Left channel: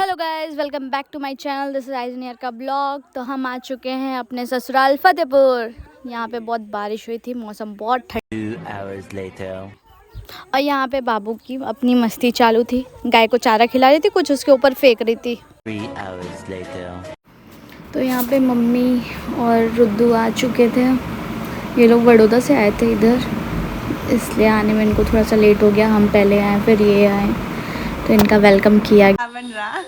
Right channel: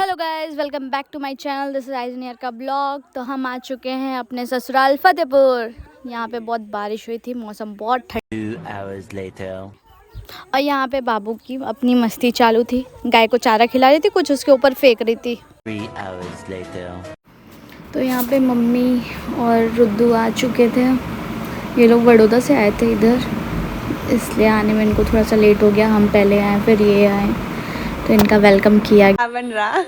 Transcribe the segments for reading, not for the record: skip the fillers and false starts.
Hello guys, welcome back to my channel. This is आइजनियर का blog. तो हम आ चुके हैं अपने ससुराल फतेहपुर। यहाँ पे बहुत बारिश हुई थी, मौसम बहुत ठंडा। और यहाँ पे बाबू की अपनी मस्ती चालू थी। गाय को चारा खिला रही थी, कुछ उसके ऊपर फेंक रही थी। तो यहाँ पे मम्मी और रुद्दू आ चुके थे। ये लोग बड़ौदा से आए थे इधर, इसलिए आने में इनको थोड़ा सा लेट हो गया। हम पहले आए, फिर ये आए, तो इनका वेलकम किया। बन रहा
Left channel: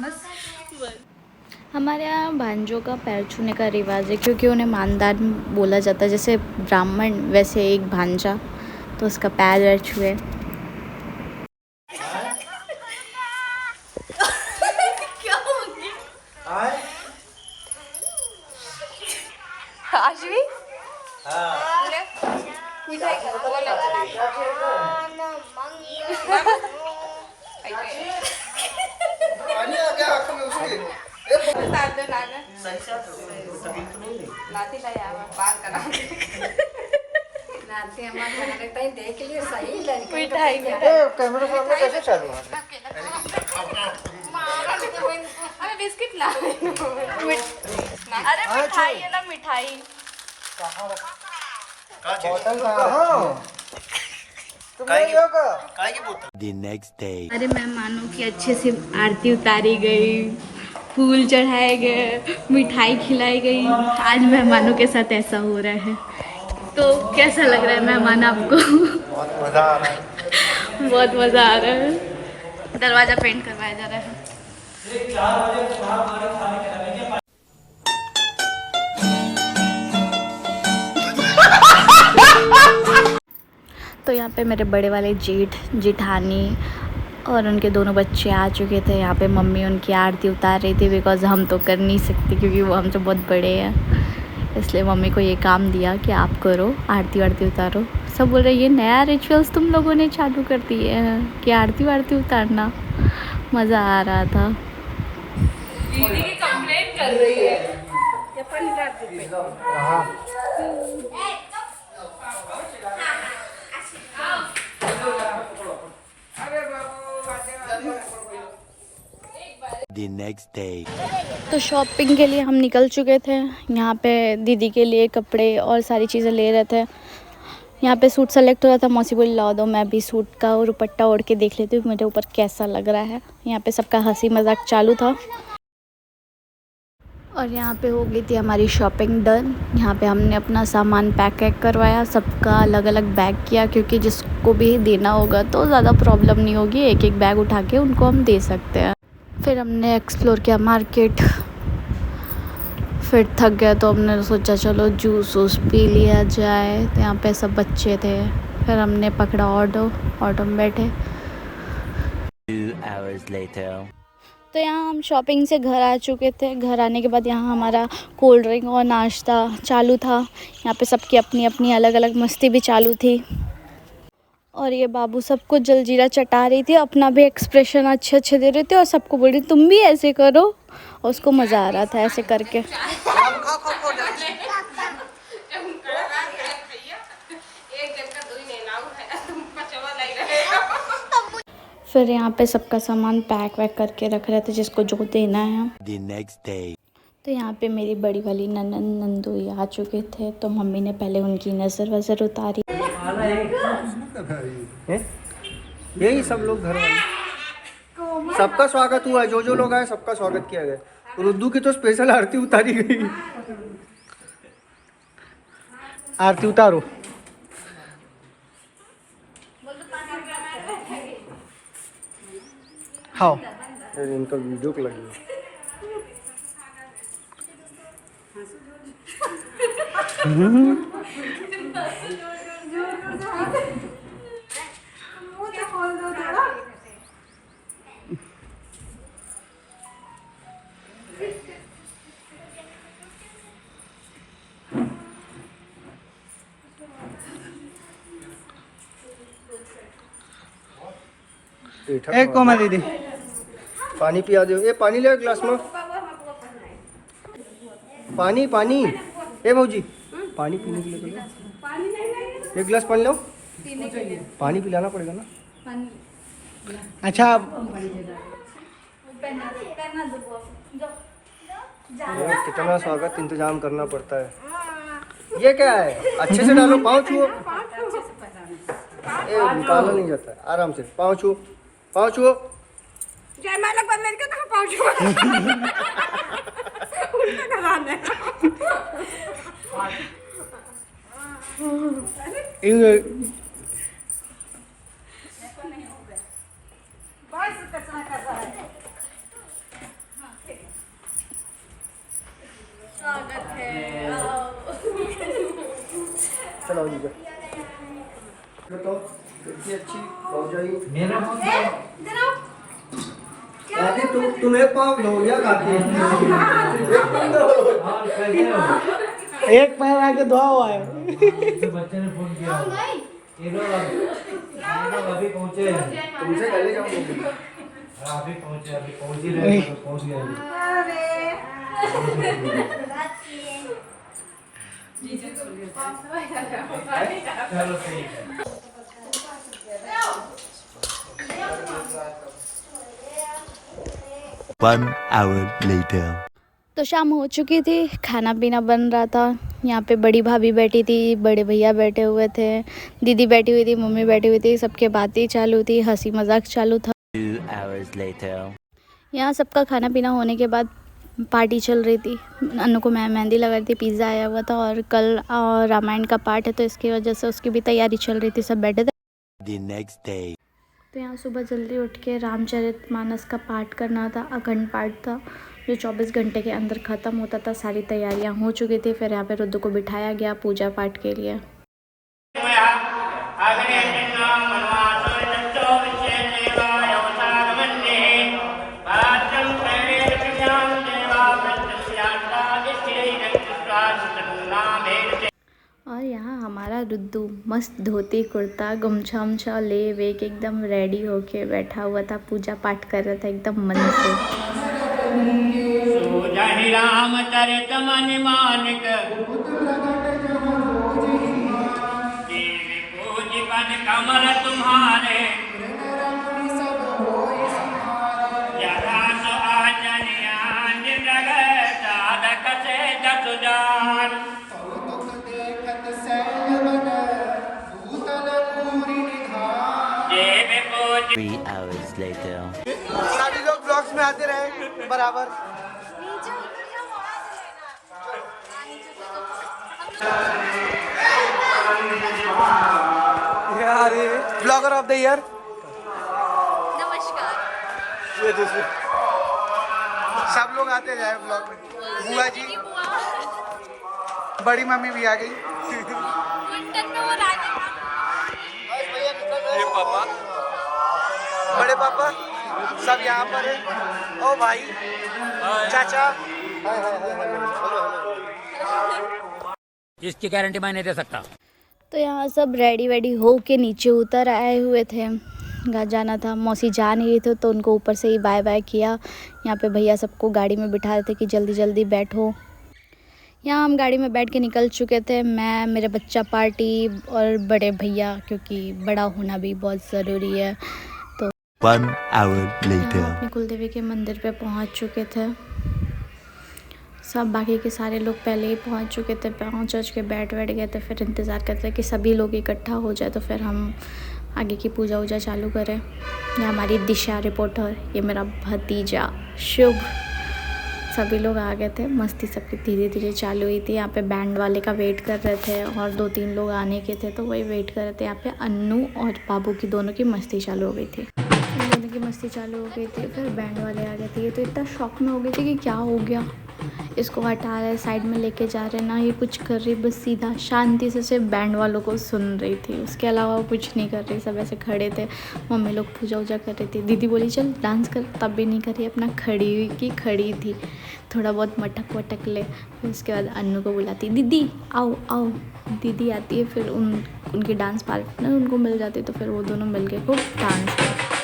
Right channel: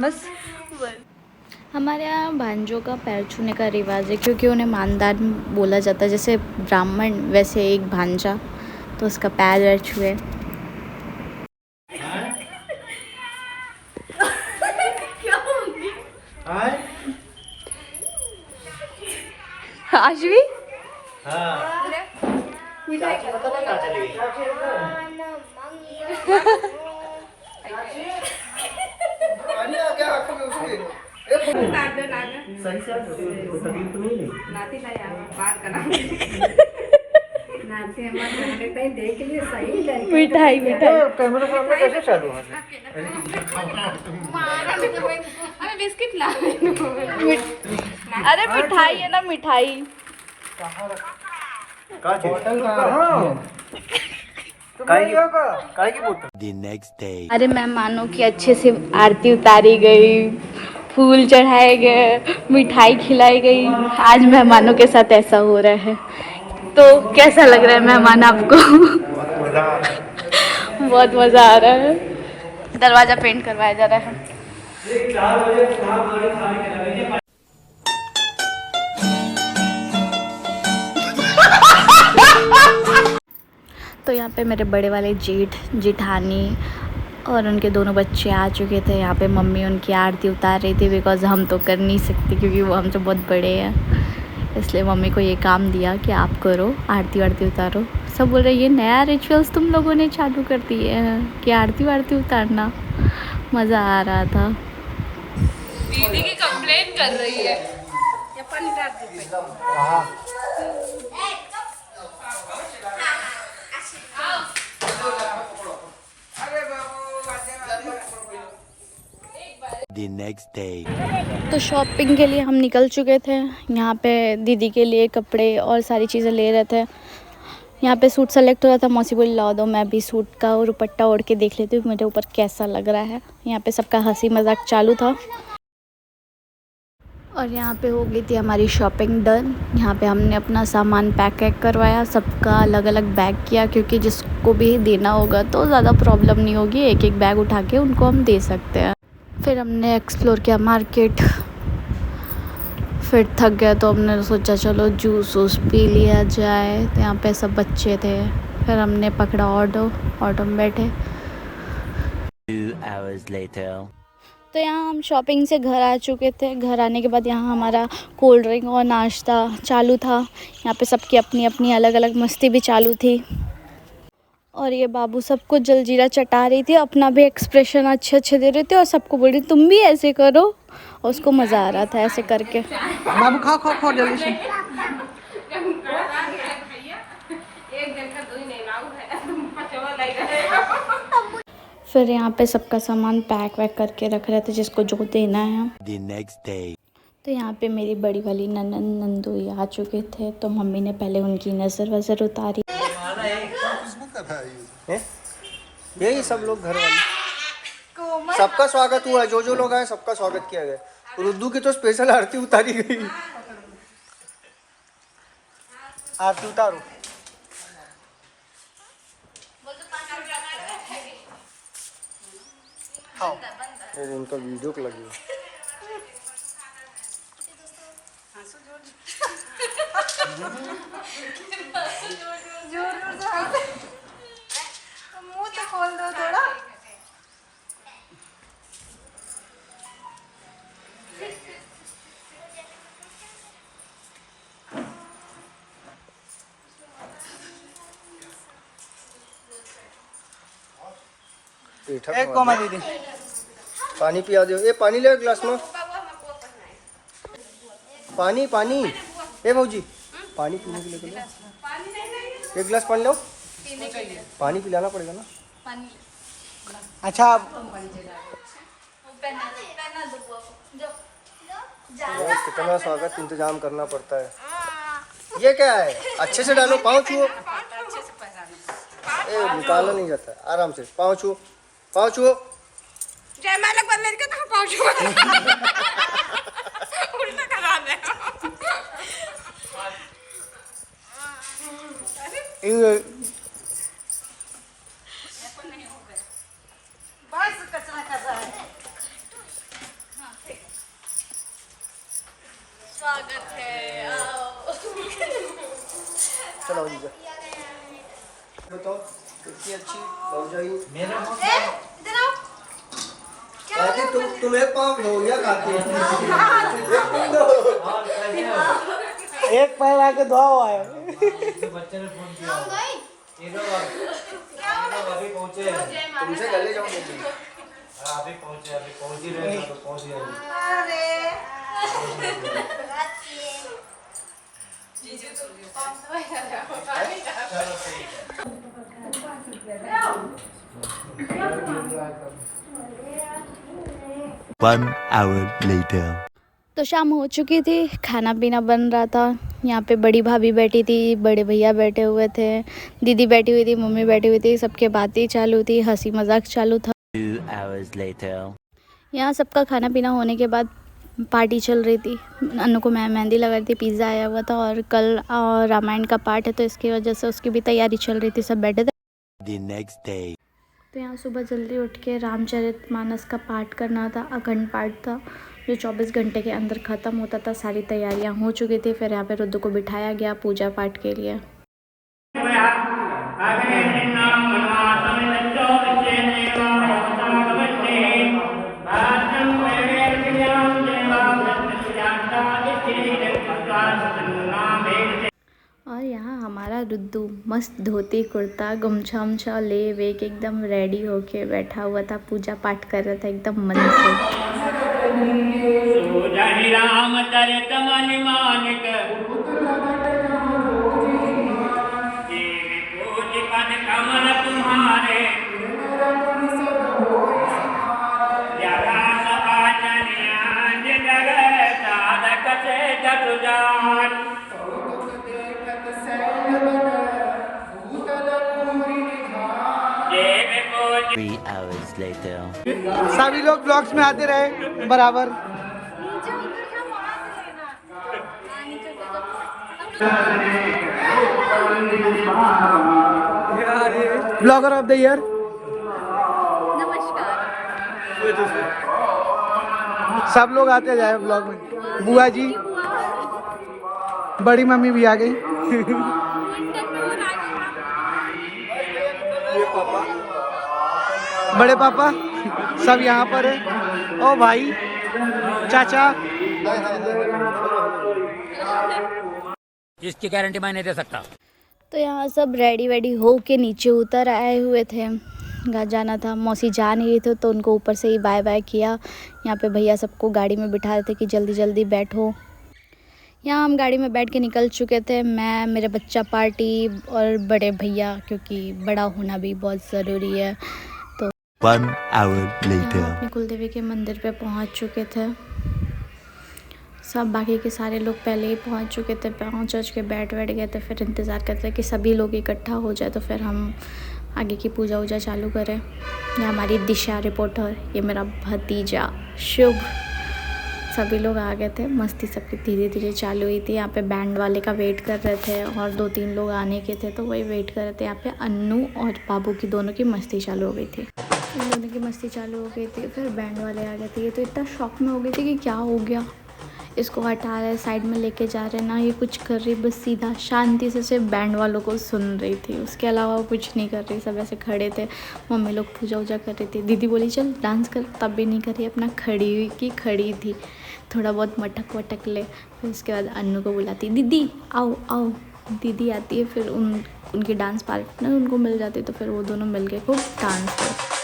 बस। हमारे यहाँ भांजों का पैर छूने का रिवाज है, क्योंकि उन्हें मानदार बोला जाता है। जैसे ब्राह्मण वैसे एक भांजा, तो उसका पैर वैर छुए। आज भी मिठाई कैसे चालू है? अरे मिठाई है ना, मिठाई। अरे मेहमानों की अच्छे से आरती उतारी गई, फूल चढ़ाए गए, मिठाई खिलाई गई। आज मेहमानों के साथ ऐसा हो रहा है, तो कैसा लग रहा है मेहमान आपको? बहुत मज़ा आ रहा है। दरवाज़ा पेंट करवाया जा रहा है। तो यहाँ पे मेरे बड़े वाले जेठ जेठानी और उनके दोनों बच्चे आ चुके थे। यहाँ पे मम्मी उनकी आरती उतार रही थी, बिकॉज़ हम तो कर नहीं सकते, क्योंकि वो हमसे बहुत बड़े हैं। इसलिए मम्मी को ये काम दिया कि आप करो, आरती वारती उतारो। सब बोल रहे ये नया रिचुअल्स तुम लोगों ने चालू कर दिए हैं कि आरती वारती उतारना। मज़ा आ रहा था। दीदी की कंप्लेन कर रही है। The next day. तो शॉपिंग के लिए हम निकल चुके थे। यहाँ पे दीदी के लिए कपड़े और सारी चीज़ें ले रहे थे। यहाँ पे सूट सेलेक्ट हो रहा था। मौसी बोली लाओ दो, मैं भी सूट का दुपट्टा ओढ़ के देख लेती हूँ मेरे ऊपर कैसा लग रहा है। यहाँ पे सबका हंसी मजाक चालू था। और यहाँ पे हो गई थी हमारी शॉपिंग डन। यहाँ पे हमने अपना सामान पैक वैक करवाया, सबका अलग अलग बैग किया, क्योंकि जिसको भी देना होगा तो ज़्यादा प्रॉब्लम नहीं होगी, एक एक बैग उठा के उनको हम दे सकते हैं। फिर हमने एक्सप्लोर किया मार्केट। फिर थक गया तो हमने सोचा चलो जूस वूस पी लिया जाए। तो यहाँ पे सब बच्चे थे। फिर हमने पकड़ा ऑटो में बैठे। 2 hours later. तो यहाँ हम शॉपिंग से घर आ चुके थे। घर आने के बाद यहाँ हमारा कोल्ड ड्रिंक और नाश्ता चालू था। यहाँ पे सबकी अपनी अपनी अलग अलग मस्ती भी चालू थी। और ये बाबू सबको जलजीरा चटा रही थी, अपना भी एक्सप्रेशन अच्छे अच्छे दे रहे थे, और सबको बोल रही तुम भी ऐसे करो। और उसको मज़ा आ रहा था ऐसे करके। बाबू खाओ खाओ खाओ जल्दी से। फिर यहाँ पे सबका सामान पैक वैक करके रख रहे थे, जिसको जो देना है। The next day. तो यहाँ पे मेरी बड़ी वाली ननन नंदोई आ चुके थे, तो मम्मी ने पहले उनकी नज़र वज़र उतारी। यही सब लोग घर आए, सबका स्वागत हुआ। जो जो लोग आए सबका स्वागत किया गया। रुद्दू की तो स्पेशल आरती उतारी गई। आरती उतारो। खाओ। इनका वीडियो को लगी। एक कोमा दीदी पानी पिया दो। ये पानी ले ग्लास में। पानी पानी ए मौजी पानी पीने के लिए एक गिलास पानी लो। पानी पिलाना पड़ेगा ना। अच्छा कितना स्वागत इंतजाम करना पड़ता है। ये क्या है? अच्छे से डालो, पाँव छुओ। निकालना नहीं जाता है, आराम से पाँव छुओ, पाँव छुओ। जयमाला बदल के कहाँ पहुँचू उल्टा करा दे। स्वागत है। चलो तो कितनी अच्छी हो जाएगी। काकी तुम एक पाँव लो या काकी एक पैर आके दुआ हुआ है। बच्चे ने फोन किया ये लोग अभी पहुंचे हैं। तुमसे चले जाओ। अभी पहुंचे पहुंच ही रहे हैं, पहुंच गए चलो ठीक है। 1 hour later. तो शाम हो चुकी थी, खाना पीना बन रहा था। यहाँ पे बड़ी भाभी बैठी थी, बड़े भैया बैठे हुए थे, दीदी बैठी हुई थी, मम्मी बैठी हुई थी। सबके बातें चालू थी, हंसी मजाक चालू था। 2 hours later. यहाँ सबका खाना पीना होने के बाद पार्टी चल रही थी। अन्नू को मैं मेहंदी लगा रही थी, पिज़्ज़ा आया हुआ था और कल रामायण का पाठ है तो इसकी वजह से उसकी भी तैयारी चल रही थी। सब बैठे थे। The next day. तो यहाँ सुबह जल्दी उठ के रामचरितमानस का पाठ करना था। अखंड पाठ था जो 24 घंटे के अंदर ख़त्म होता था। सारी तैयारियाँ हो चुकी थी। फिर यहाँ पे रुद्र को बिठाया गया पूजा पाठ के लिए। और यहाँ हमारा रुद्दू मस्त धोती कुर्ता गमछा उमछा ले वे के एकदम रेडी होके बैठा हुआ था। पूजा पाठ कर रहा था एकदम मन से। रामचरित मन मानिक कमल तुम्हारे साधक से जसुजान 3 hours later. सभी लोग ब्लॉग्स में आते रहे बराबर। Blogger of the year. नमस्कार। सब लोग आते जाए ब्लॉग में। बुआ जी, बड़ी मम्मी भी आ गई। ये पापा, बड़े पापा सब यहाँ पर है। ओ भाई, चाचा। इसकी गारंटी मैं नहीं दे सकता। तो यहाँ सब रेडी वेडी हो के नीचे उतर आए हुए थे। घर जाना था, मौसी जा नहीं रही थी तो उनको ऊपर से ही बाय बाय किया। यहाँ पे भैया सबको गाड़ी में बिठा रहे थे कि जल्दी जल्दी बैठो। यहाँ हम गाड़ी में बैठ के निकल चुके थे, मैं, मेरे बच्चा पार्टी और बड़े भैया, क्योंकि बड़ा होना भी बहुत ज़रूरी है। तो 1 hour later. अपने कुलदेवी के मंदिर पे पहुँच चुके थे। सब बाकी के सारे लोग पहले ही पहुँच चुके थे। पहुँच के बैठ गए थे। फिर इंतज़ार करते थे कि सभी लोग इकट्ठा हो जाए तो फिर हम आगे की पूजा वूजा चालू करें। ये हमारी दिशा रिपोर्टर, ये मेरा भतीजा शुभ, सभी लोग आ गए थे। मस्ती सबकी धीरे धीरे चालू हुई थी। यहाँ पे बैंड वाले का वेट कर रहे थे और 2-3 लोग आने के थे तो वही वेट कर रहे थे। यहाँ पे अन्नू और बाबू की दोनों की मस्ती चालू हो गई थी। इन दोनों की मस्ती चालू हो गई थी। फिर बैंड वाले आ गए थे। ये तो इतना शॉक में हो गए थे कि क्या हो गया। इसको हटा रहे, साइड में लेके जा रहे, ना ये कुछ कर रही, बस सीधा शांति से सिर्फ बैंड वालों को सुन रही थी, उसके अलावा वो कुछ नहीं कर रही। सब ऐसे खड़े थे, मम्मी लोग पूजा वूजा कर रही थी, दीदी बोली चल डांस कर, तब भी नहीं करी, अपना खड़ी की खड़ी थी, थोड़ा बहुत मटक वटक ले। फिर उसके बाद अन्नू को बुलाती, दीदी आओ आओ, दीदी आती है, फिर उनके डांस पार्टनर उनको मिल जाते, तो फिर वो दोनों मिल के खूब डांस करते।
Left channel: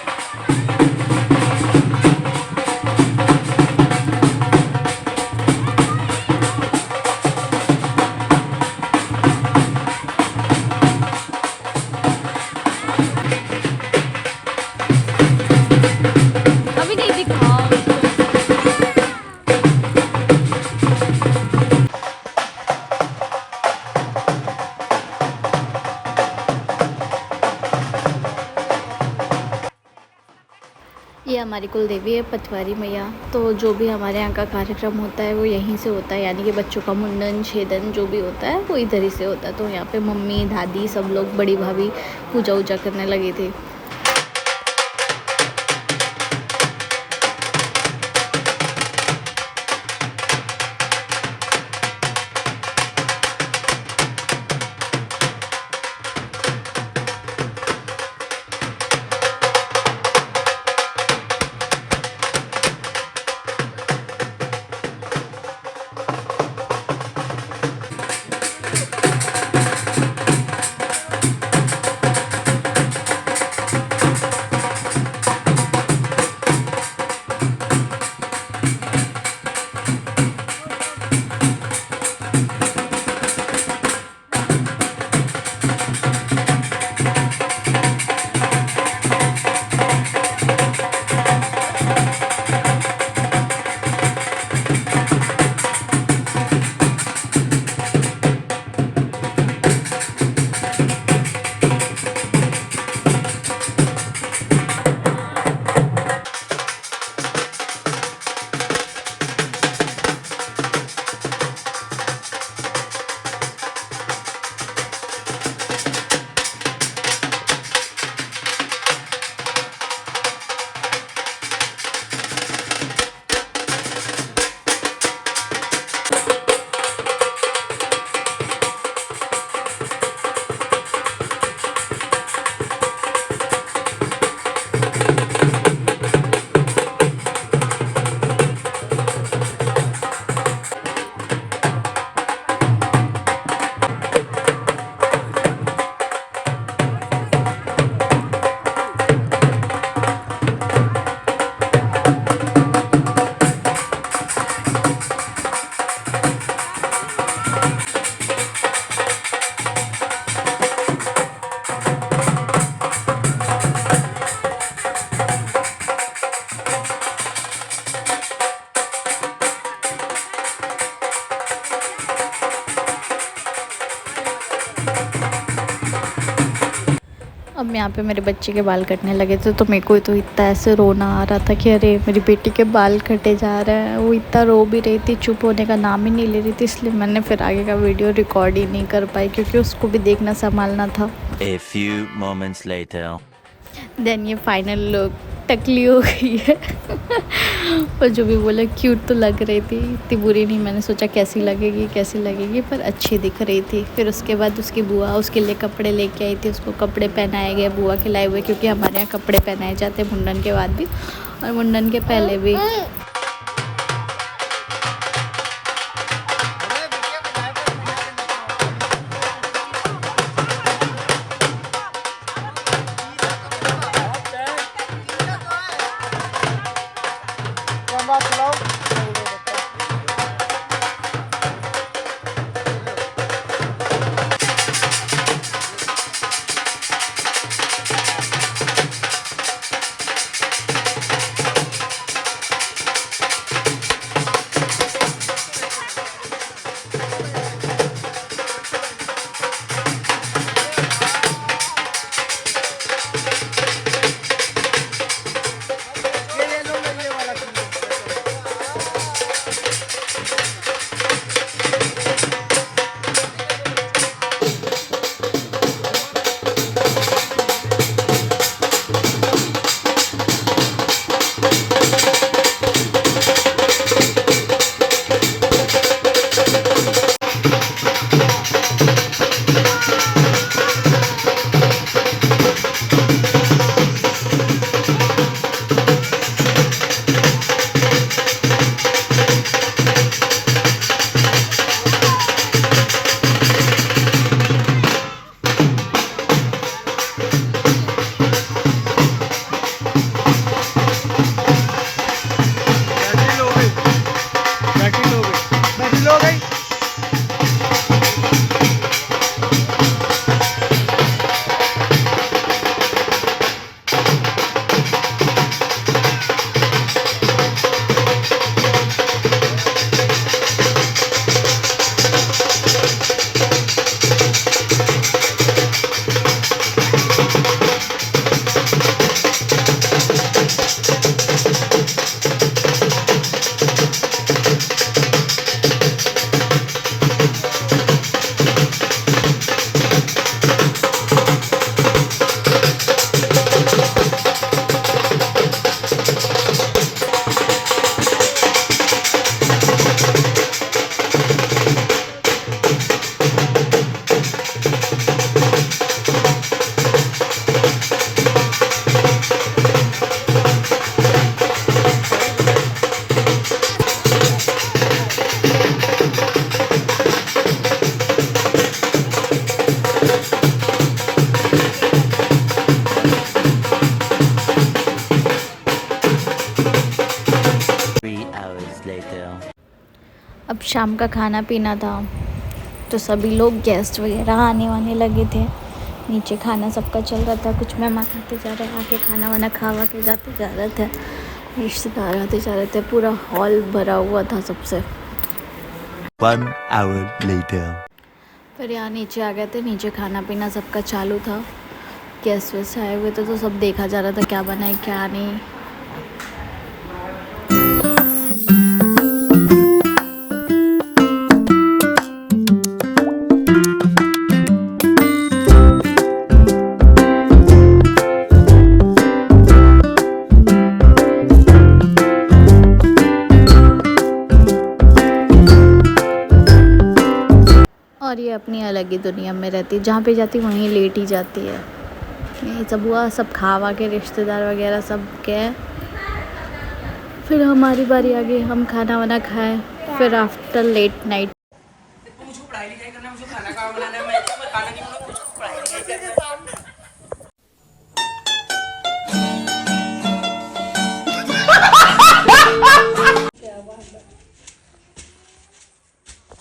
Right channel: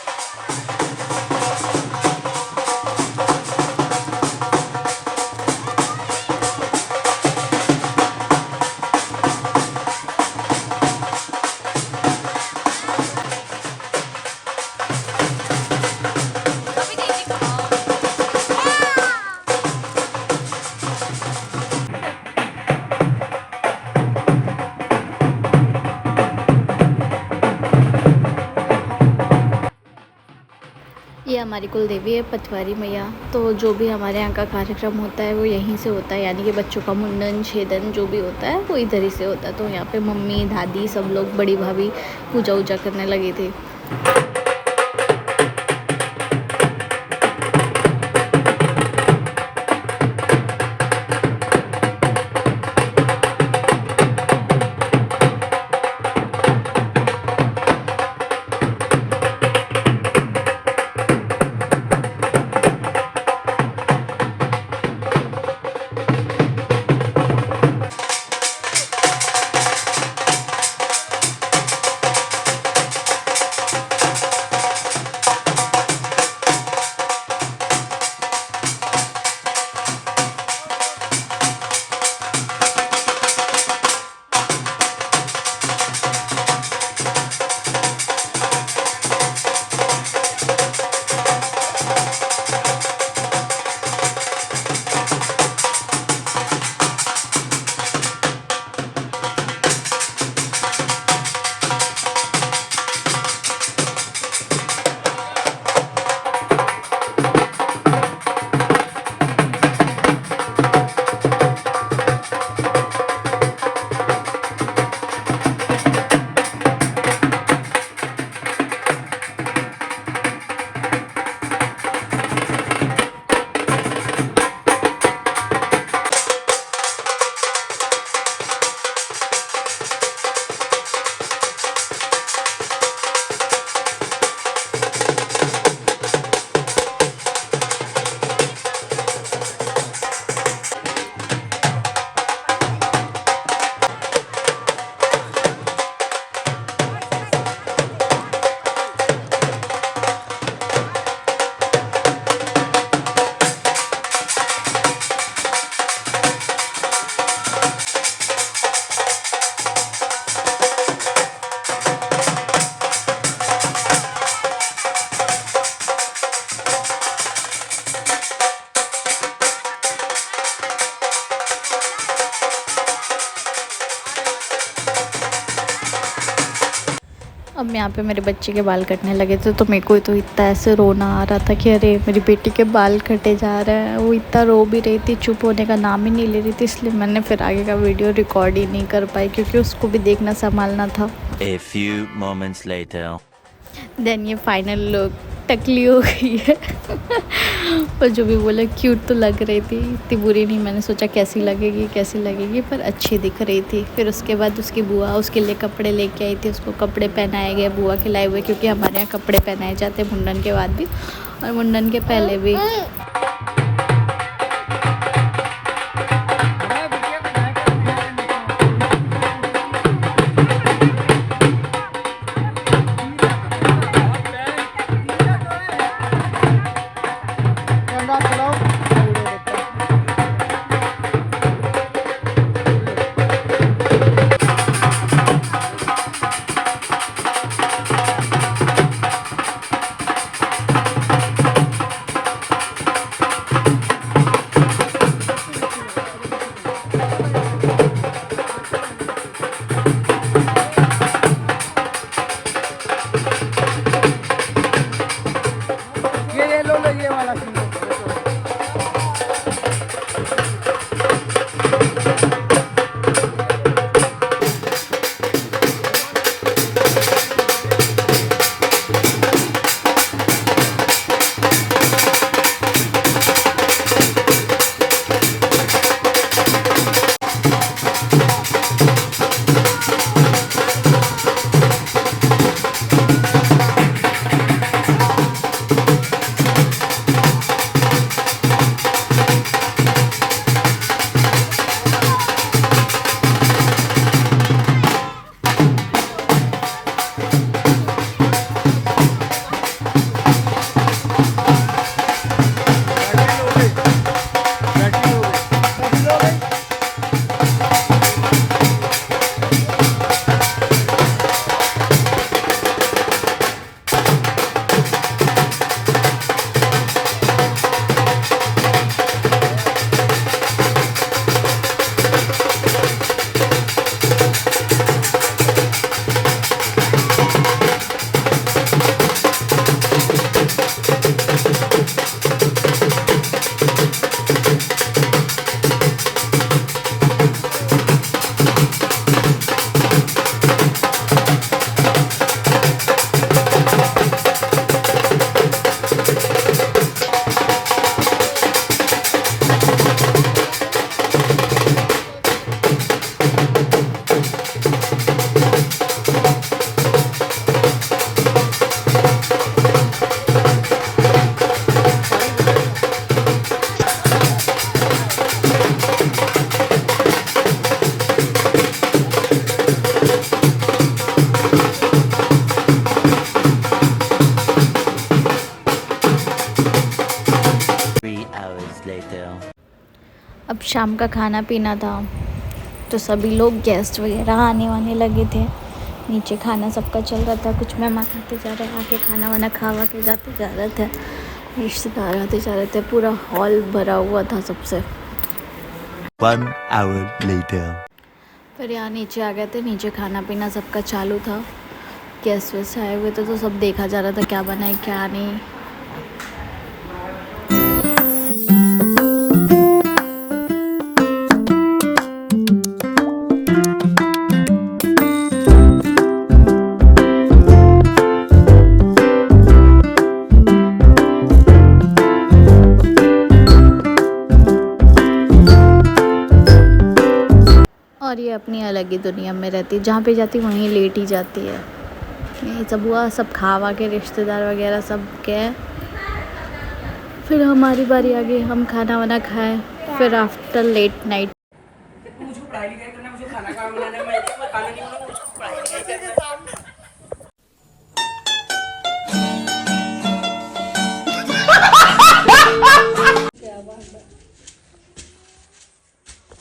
ये हमारी कुल देवी है पटवारी मैया। तो जो भी हमारे यहाँ का कार्यक्रम होता है वो यहीं से होता है, यानी कि बच्चों का मुंडन छेदन जो भी होता है वो इधर ही से होता है। तो यहाँ पे मम्मी दादी सब लोग, बड़ी भाभी पूजा वूजा करने लगी थी। अब यहाँ पे मेरे बच्चे के बाल कटने लगे थे, तो मेरे को तो इतना ऐसे रोना आ रहा था कि अरे मेरी बेटी के बाल कटे जा रहे हैं। वो इतना रो भी रही थी, चुप होने का नाम ही नहीं ले रही थी, इसलिए मैंने फिर आगे का वीडियो रिकॉर्ड ही नहीं कर पाई, क्योंकि उसको भी देखना संभालना था। A few moments later. Then ये फाइनल लुक टकली हो गई है पर जो भी बोला क्यूट तो लग रही थी, इतनी बुरी नहीं। मैंने सोचा कैसी लगेगी, पर अच्छी दिख रही थी। फिर उसके बाद उसकी बुआ उसके लिए कपड़े लेके आई थी, उसको कपड़े पहनाए गए बुआ के लाए हुए, क्योंकि हमारे यहाँ कपड़े पहनाए जाते हैं मुंडन के बाद भी और मुंडन के पहले भी। later. अब शाम का खाना पीना था तो सभी लोग गेस्ट वगैरह आने वाने लगे थे। नीचे खाना सबका चल रहा था, कुछ मेहमान आते जा रहे, आके खाना वाना खावा के जाते जा रहे थे, रिश्तेदार आते जा रहे थे, पूरा हॉल भरा हुआ था सबसे। 1 hour later. फिर यहाँ नीचे आ गए थे, नीचे खाना पीना सबका चालू था। गेस्ट वेस्ट आए हुए थे तो सब देखा जा रहा था क्या बना है क्या नहीं। और ये अपनी अलग ही दुनिया में रहती, जहाँ पे जाती वहीं लेट ही जाती है। यही सब हुआ, सब खावा के रिश्तेदार वगैरह सब गए। फिर हमारी बारी आ गई, हम खाना वाना खाए। फिर आफ्टर लेट नाइट